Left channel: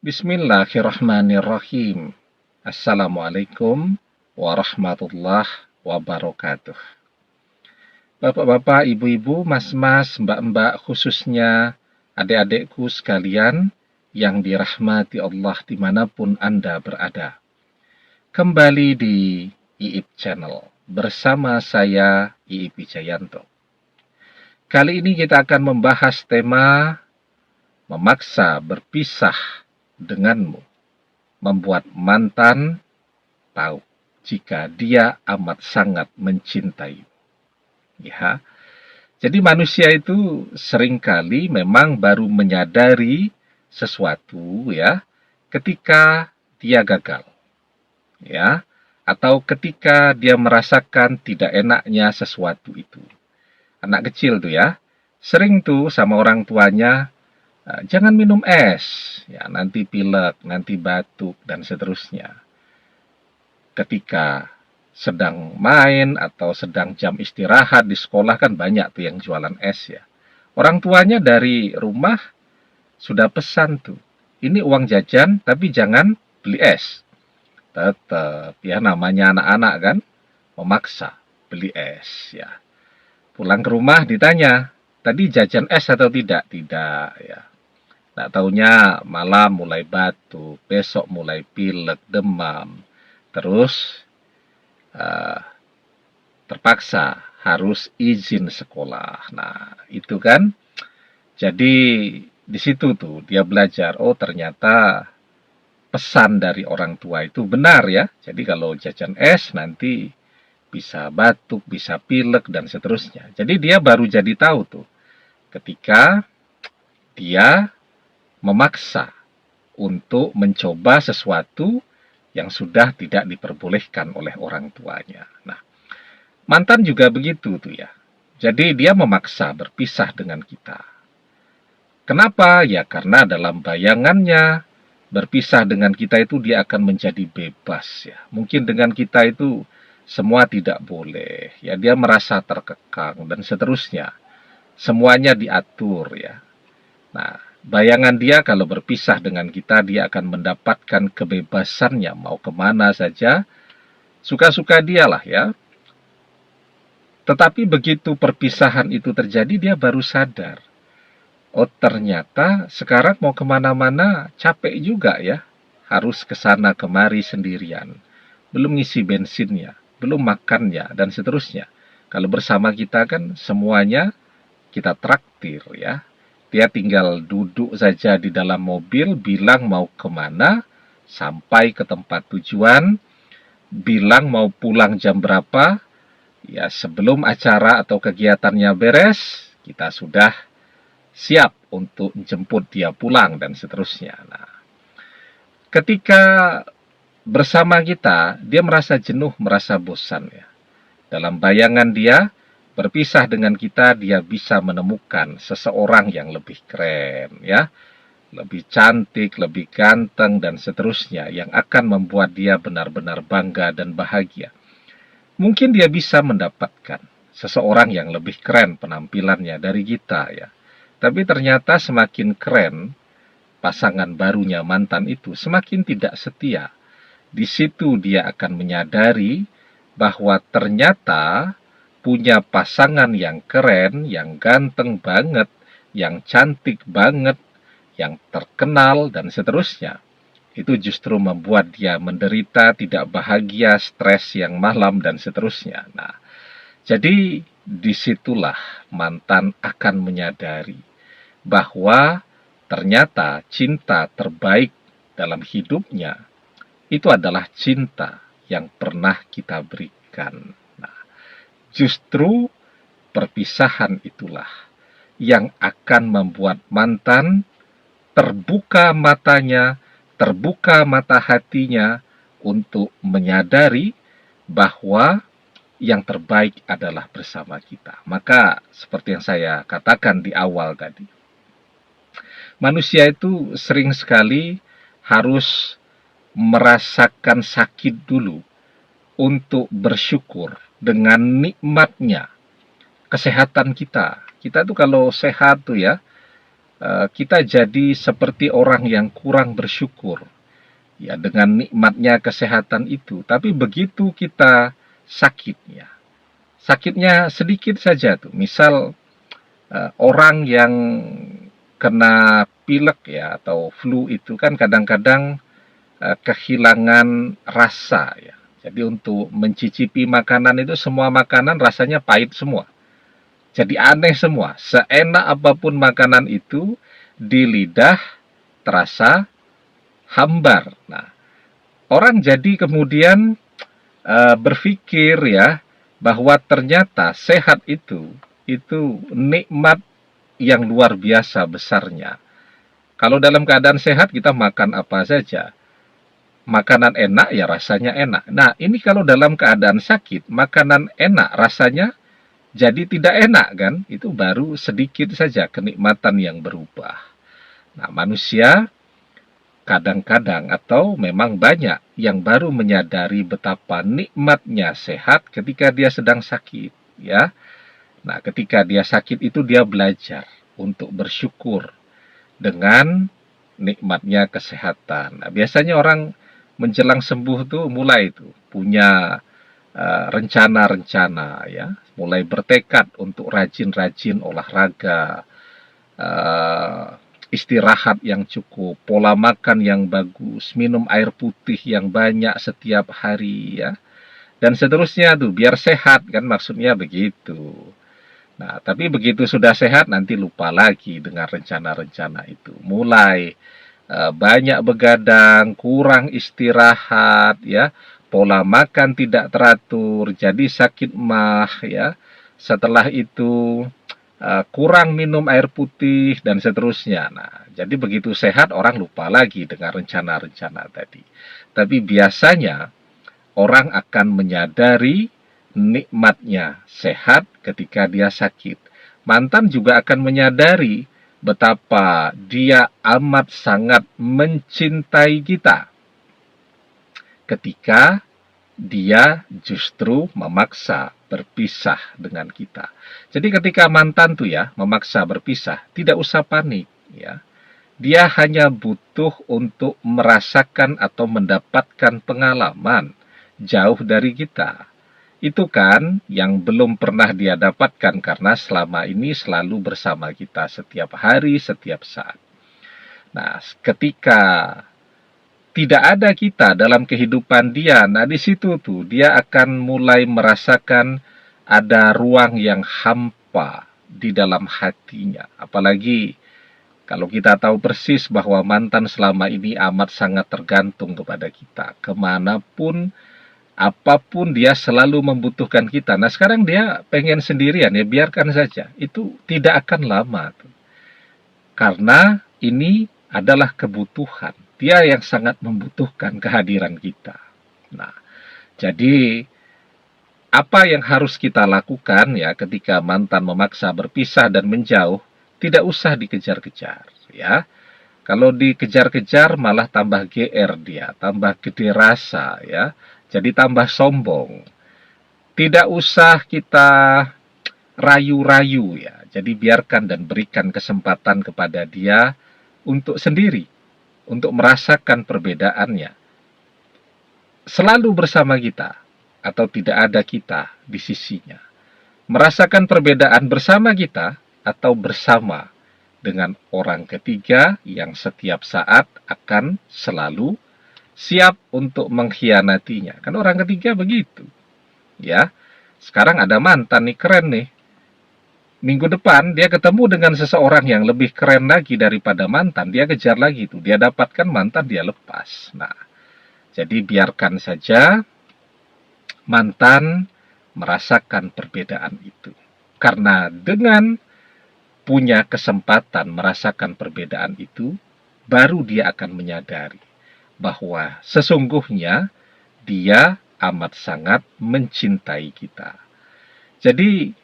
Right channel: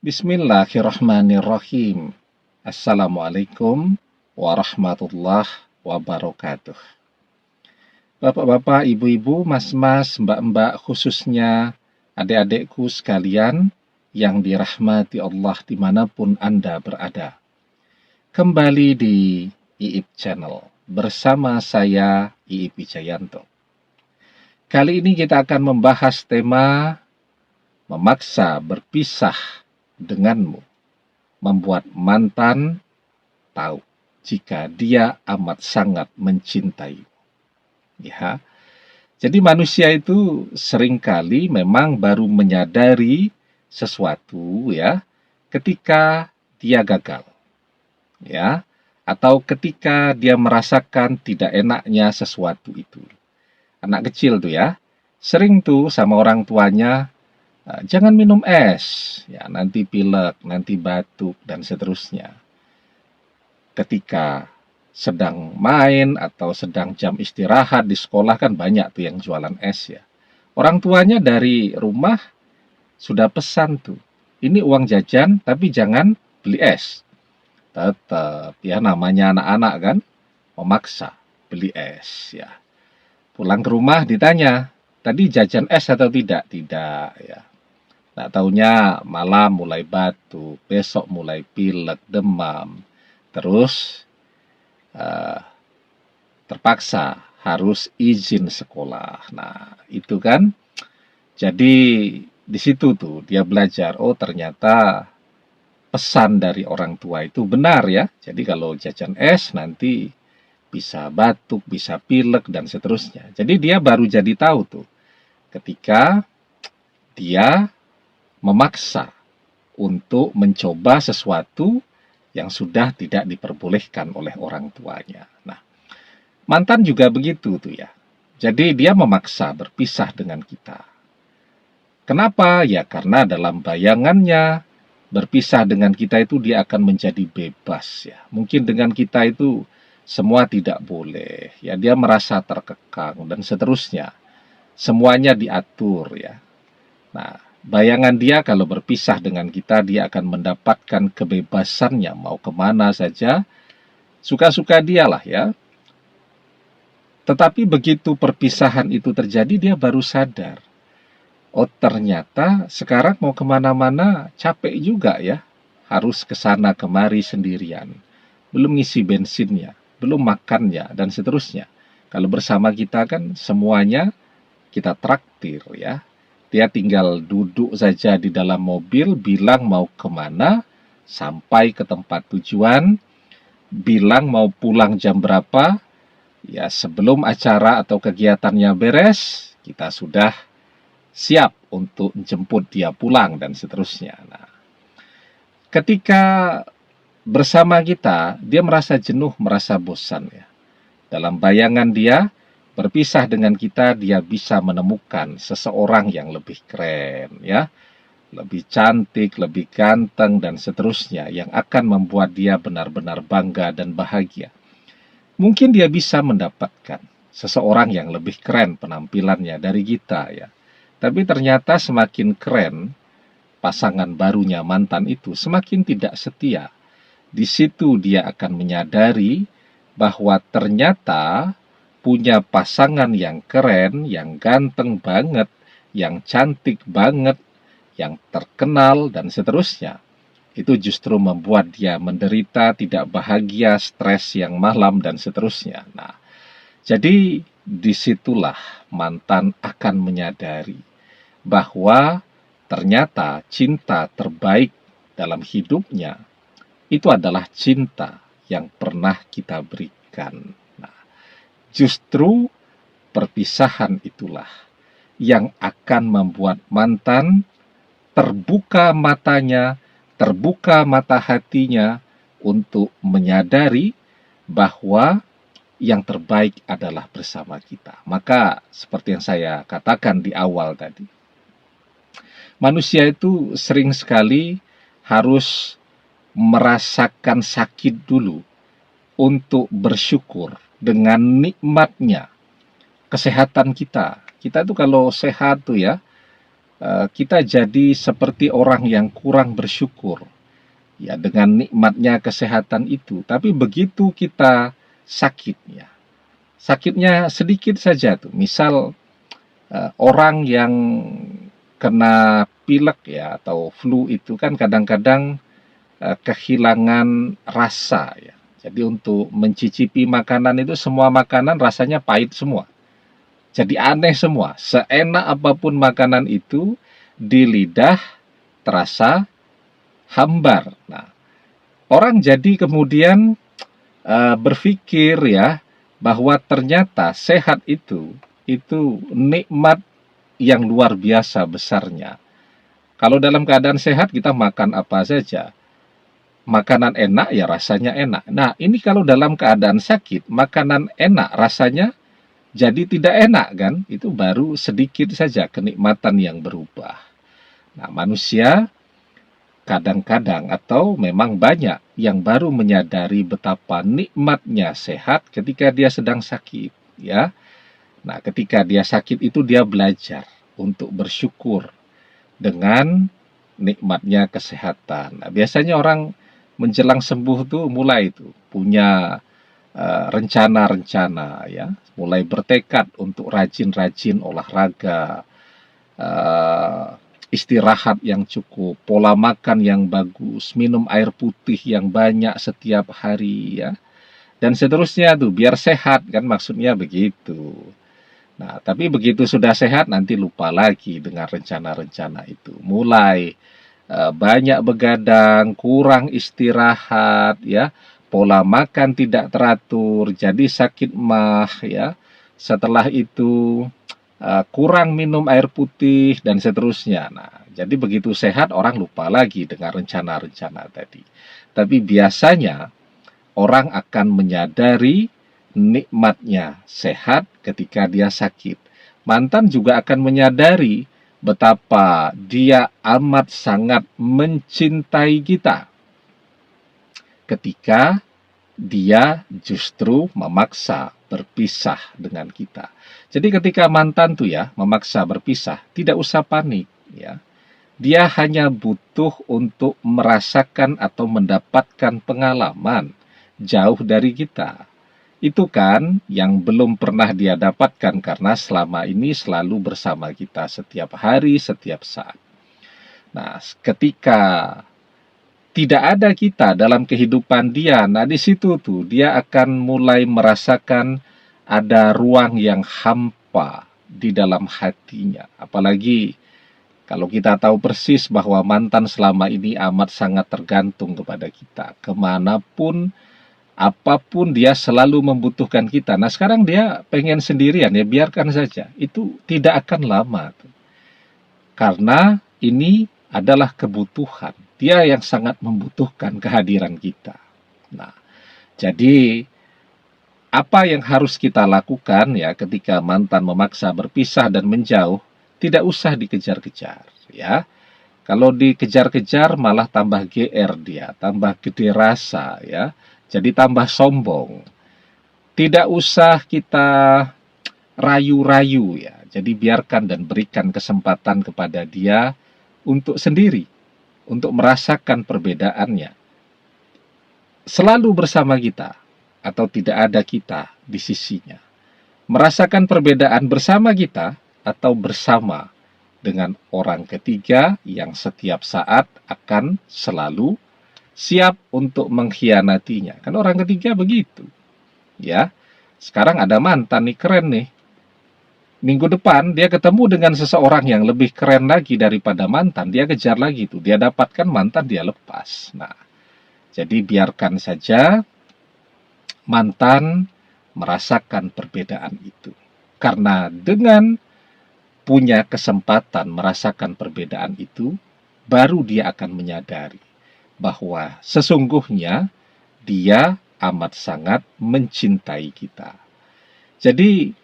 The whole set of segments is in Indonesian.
Bismillahirrahmanirrahim. Assalamualaikum warahmatullahi wabarakatuh. Bapak-bapak, ibu-ibu, mas-mas, mbak-mbak, khususnya adik-adikku sekalian yang dirahmati Allah dimanapun Anda berada. Kembali di IIP Channel bersama saya, IIP Wijayanto. Kali ini kita akan membahas tema memaksa berpisah denganmu, membuat mantan tahu jika dia amat sangat mencintai. Ya, jadi manusia itu seringkali memang baru menyadari sesuatu ya ketika dia gagal, ya, atau ketika dia merasakan tidak enaknya sesuatu itu. Anak kecil tuh ya, sering tuh sama orang tuanya, jangan minum es, ya nanti pilek, nanti batuk, dan seterusnya. Ketika sedang main atau sedang jam istirahat di sekolah kan banyak tuh yang jualan es ya. Orang tuanya dari rumah sudah pesan tuh, ini uang jajan tapi jangan beli es. Tetap ya namanya anak-anak kan, memaksa beli es ya. Pulang ke rumah ditanya, tadi jajan es atau tidak? Tidak ya. Nah, taunya malam mulai batuk, besok mulai pilek, demam, terus terpaksa harus izin sekolah. Nah, itu kan, jadi di situ tuh dia belajar, oh ternyata pesan dari orang tua itu benar ya. Jadi kalau jajan es nanti bisa batuk, bisa pilek, dan seterusnya. Jadi dia baru jadi tahu tuh ketika dia memaksa untuk mencoba sesuatu yang sudah tidak diperbolehkan oleh orang tuanya. Nah, mantan juga begitu tuh ya. Jadi dia memaksa berpisah dengan kita. Kenapa? Ya karena dalam bayangannya berpisah dengan kita itu dia akan menjadi bebas ya. Mungkin dengan kita itu semua tidak boleh. Ya dia merasa terkekang dan seterusnya. Semuanya diatur ya. Nah, bayangan dia kalau berpisah dengan kita, dia akan mendapatkan kebebasannya, mau kemana saja, suka-suka dia lah ya. Tetapi begitu perpisahan itu terjadi, dia baru sadar. Oh ternyata sekarang mau kemana-mana capek juga ya. Harus kesana kemari sendirian. Belum ngisi bensinnya, belum makannya, dan seterusnya. Kalau bersama kita kan semuanya kita traktir ya. Dia tinggal duduk saja di dalam mobil, bilang mau kemana, sampai ke tempat tujuan, bilang mau pulang jam berapa, ya sebelum acara atau kegiatannya beres, kita sudah siap untuk jemput dia pulang dan seterusnya. Nah, ketika bersama kita, dia merasa jenuh, merasa bosan ya. Dalam bayangan dia, berpisah dengan kita, dia bisa menemukan seseorang yang lebih keren ya, lebih cantik, lebih ganteng, dan seterusnya, yang akan membuat dia benar-benar bangga dan bahagia. Mungkin dia bisa mendapatkan seseorang yang lebih keren penampilannya dari kita ya. Tapi ternyata semakin keren pasangan barunya mantan itu, semakin tidak setia. Di situ dia akan menyadari bahwa ternyata punya pasangan yang keren, yang ganteng banget, yang cantik banget, yang terkenal, dan seterusnya. Itu justru membuat dia menderita, tidak bahagia, stres yang malam, dan seterusnya. Nah, jadi disitulah mantan akan menyadari bahwa ternyata cinta terbaik dalam hidupnya itu adalah cinta yang pernah kita berikan. Nah, justru perpisahan itulah yang akan membuat mantan terbuka matanya, terbuka mata hatinya untuk menyadari bahwa yang terbaik adalah bersama kita. Maka seperti yang saya katakan di awal tadi, manusia itu sering sekali harus merasakan sakit dulu untuk bersyukur dengan nikmatnya kesehatan kita. Kita tuh kalau sehat tuh ya, kita jadi seperti orang yang kurang bersyukur ya dengan nikmatnya kesehatan itu. Tapi begitu kita sakitnya sedikit saja tuh. Misal orang yang kena pilek ya atau flu itu kan kadang-kadang kehilangan rasa ya. Jadi untuk mencicipi makanan itu semua makanan rasanya pahit semua. Jadi aneh semua. Seenak apapun makanan itu di lidah terasa hambar. Nah, orang jadi kemudian berpikir ya bahwa ternyata sehat itu nikmat yang luar biasa besarnya. Kalau dalam keadaan sehat kita makan apa saja. Makanan enak ya rasanya enak. Nah, ini kalau dalam keadaan sakit, makanan enak rasanya jadi tidak enak kan? Itu baru sedikit saja kenikmatan yang berubah. Nah, manusia kadang-kadang atau memang banyak yang baru menyadari betapa nikmatnya sehat ketika dia sedang sakit, ya. Nah, ketika dia sakit itu dia belajar untuk bersyukur dengan nikmatnya kesehatan. Nah, biasanya orang menjelang sembuh tuh mulai tuh punya rencana-rencana ya, mulai bertekad untuk rajin-rajin olahraga, eh, istirahat yang cukup, pola makan yang bagus, minum air putih yang banyak setiap hari ya, dan seterusnya tuh biar sehat kan maksudnya begitu. Nah, tapi begitu sudah sehat nanti lupa lagi dengan rencana-rencana itu. Mulai banyak begadang, kurang istirahat ya, pola makan tidak teratur, jadi sakit mah ya. Setelah itu kurang minum air putih dan seterusnya. Nah, jadi begitu sehat orang lupa lagi dengan rencana-rencana tadi. Tapi biasanya orang akan menyadari nikmatnya sehat ketika dia sakit. Mantan juga akan menyadari betapa dia amat sangat mencintai kita ketika dia justru memaksa berpisah dengan kita. Jadi ketika mantan tuh ya memaksa berpisah, tidak usah panik ya. Dia hanya butuh untuk merasakan atau mendapatkan pengalaman jauh dari kita. Itu kan yang belum pernah dia dapatkan karena selama ini selalu bersama kita setiap hari, setiap saat. Nah, ketika tidak ada kita dalam kehidupan dia, nah di situ tuh dia akan mulai merasakan ada ruang yang hampa di dalam hatinya. Apalagi kalau kita tahu persis bahwa mantan selama ini amat sangat tergantung kepada kita. Kemanapun, apapun dia selalu membutuhkan kita. Nah sekarang dia pengen sendirian ya biarkan saja. Itu tidak akan lama tuh. Karena ini adalah kebutuhan. Dia yang sangat membutuhkan kehadiran kita. Nah, jadi apa yang harus kita lakukan ya ketika mantan memaksa berpisah dan menjauh, tidak usah dikejar-kejar ya. Kalau dikejar-kejar malah tambah GR dia, tambah gede rasa ya. Jadi tambah sombong. Tidak usah kita rayu-rayu ya. Jadi biarkan dan berikan kesempatan kepada dia untuk sendiri, untuk merasakan perbedaannya. Selalu bersama kita, atau tidak ada kita di sisinya. Merasakan perbedaan bersama kita, atau bersama dengan orang ketiga yang setiap saat akan selalu siap untuk mengkhianatinya. Kan orang ketiga begitu. Ya, sekarang ada mantan nih, keren nih. Minggu depan dia ketemu dengan seseorang yang lebih keren lagi daripada mantan, dia kejar lagi tuh, dia dapatkan mantan, dia lepas. Nah, jadi biarkan saja mantan merasakan perbedaan itu. Karena dengan punya kesempatan merasakan perbedaan itu, baru dia akan menyadari bahwa sesungguhnya dia amat sangat mencintai kita. Jadi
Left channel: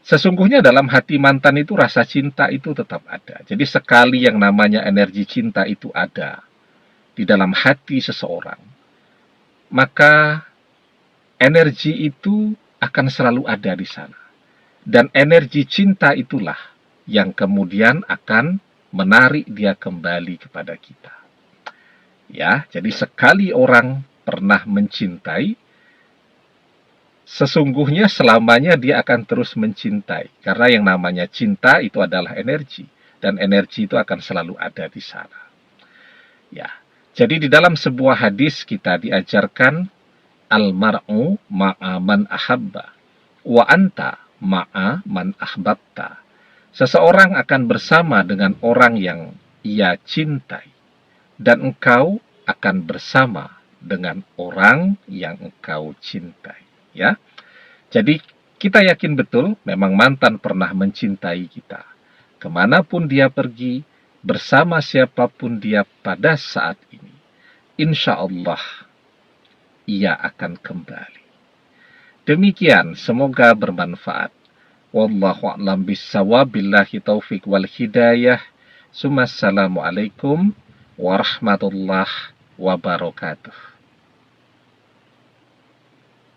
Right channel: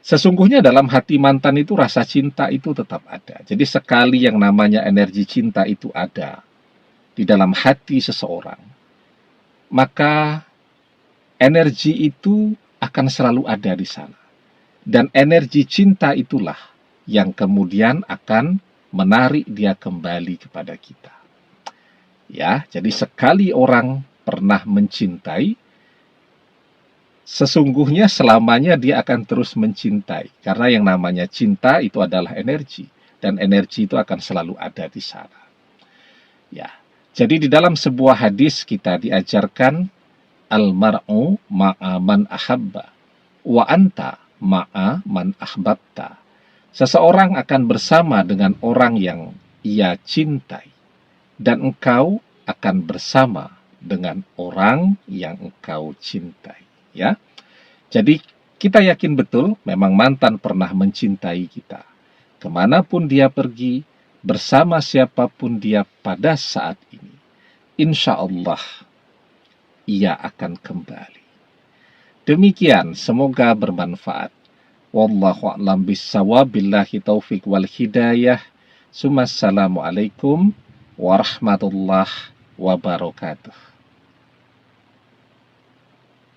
sesungguhnya dalam hati mantan itu rasa cinta itu tetap ada. Jadi sekali yang namanya energi cinta itu ada di dalam hati seseorang, maka energi itu akan selalu ada di sana. Dan energi cinta itulah yang kemudian akan menarik dia kembali kepada kita. Ya, jadi sekali orang pernah mencintai, sesungguhnya selamanya dia akan terus mencintai. Karena yang namanya cinta itu adalah energi, dan energi itu akan selalu ada di sana. Ya, jadi di dalam sebuah hadis kita diajarkan al-mar'u ma'a man ahabba wa anta ma'a man ahbabta. Seseorang akan bersama dengan orang yang ia cintai, dan engkau akan bersama dengan orang yang engkau cintai. Ya, jadi kita yakin betul memang mantan pernah mencintai kita. Kemanapun dia pergi, bersama siapapun dia pada saat ini, insya Allah ia akan kembali. Demikian, semoga bermanfaat. Wallahu a'lam bissawab, billahi taufik wal hidayah. Assalamualaikum warahmatullahi wabarakatuh.